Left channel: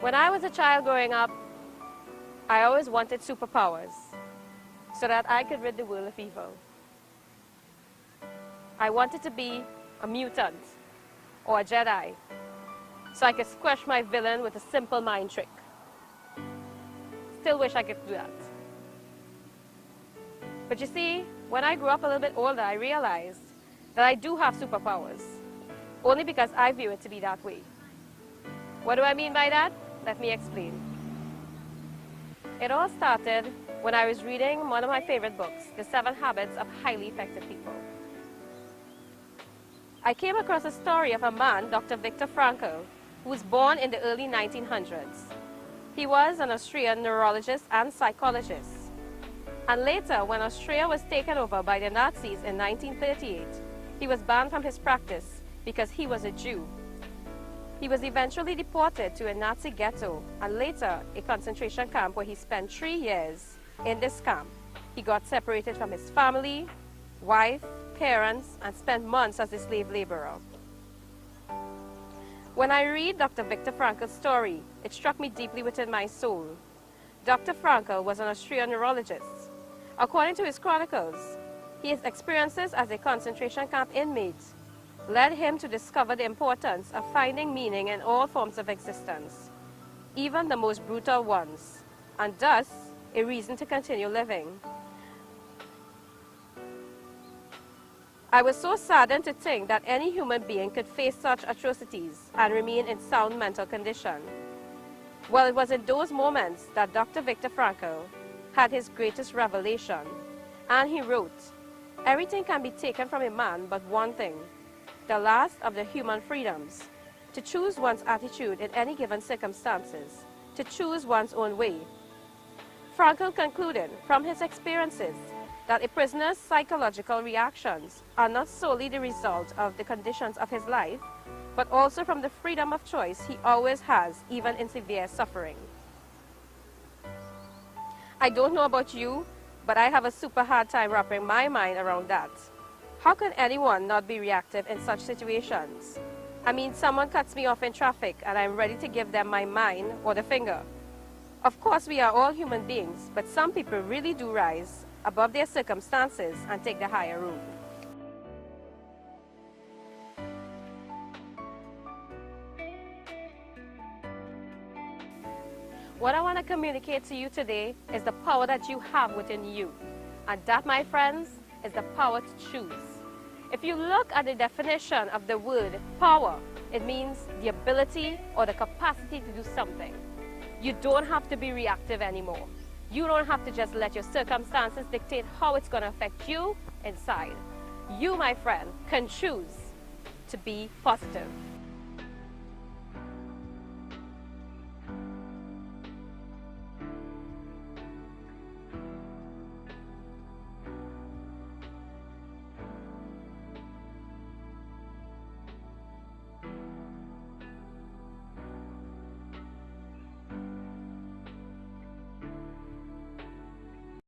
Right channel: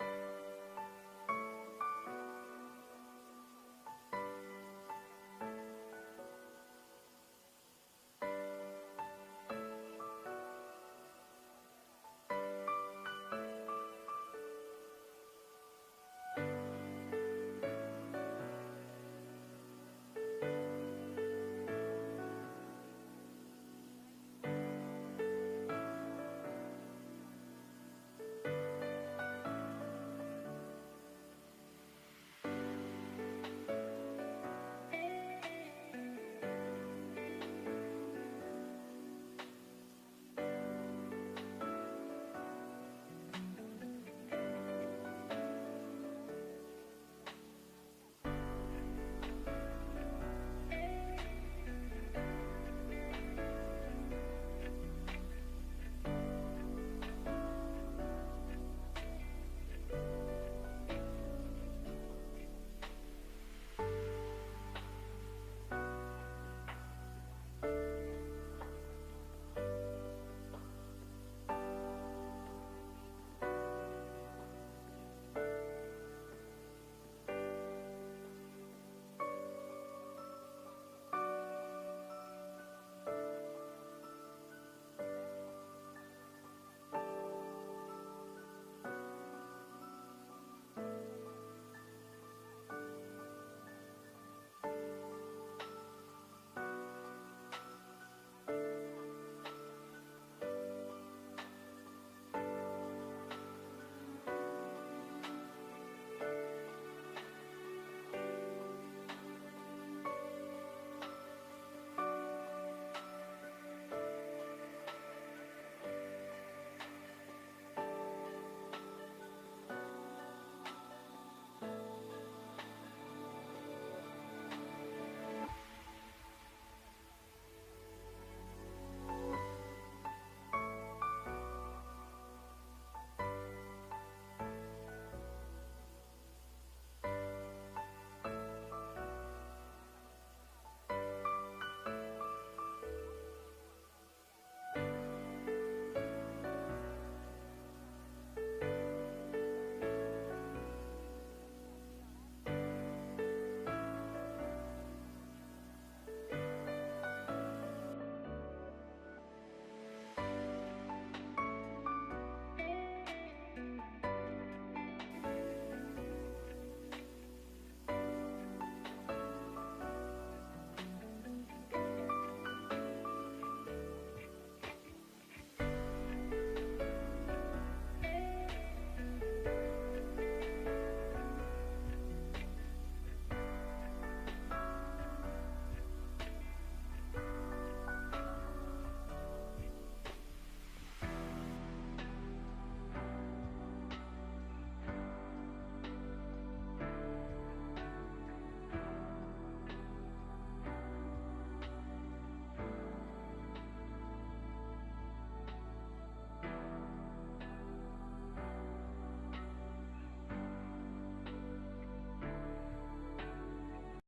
When I was a child growing up, I always wanted superpowers so that I could rid the world of evil. I wanted to be a mutant or a Jedi so I could squash my villain with a simple mind trick. Still wish I could do that. But you see, when I grew up a little bit older, I realized that I do have superpowers, only because I view it to be that way. What do I mean by that? Let me explain. It all started when I was reading one of my favorite books, The 7 Habits of Highly Effective People. I came across a story of a man, Dr. Viktor Frankl, who was born in the early 1900s. He was an Austrian neurologist and psychologist. And later, when Austria was taken over by the Nazis in 1938, he was banned from his practice because he was a Jew. He was eventually deported to a Nazi ghetto and later a concentration camp where he spent 3 years in this camp. He got separated from his family, wife, parents, and spent months as a slave laborer. When I read Dr. Viktor Frankl's story, it struck me deeply within my soul. Dr. Frankl was an Austrian neurologist. According to his chronicles, his experiences as a concentration camp inmate led him to discover the importance of finding meaning in all forms of existence, even the most brutal ones, and thus a reason to continue living. I was so saddened to think that any human being could face such atrocities and remain in sound mental condition. Well, it was in those moments that Dr. Viktor Frankl had his greatest revelation, and he wrote, "Everything can be taken from a man but one thing, the last of the human freedoms, to choose one's attitude in any given circumstances, to choose one's own way." Frankl concluded from his experiences that a prisoner's psychological reactions are not solely the result of the conditions of his life, but also from the freedom of choice he always has, even in severe suffering. I don't know about you, but I have a super hard time wrapping my mind around that. How can anyone not be reactive in such situations? I mean, someone cuts me off in traffic and I'm ready to give them my mind or the finger. Of course, we are all human beings, but some people really do rise above their circumstances and take the higher road. What I want to communicate to you today is the power that you have within you. And that, my friends, is the power to choose. If you look at the definition of the word power, it means the ability or the capacity to do something. You don't have to be reactive anymore. You don't have to just let your circumstances dictate how it's going to affect you inside. You, my friend, can choose to be positive.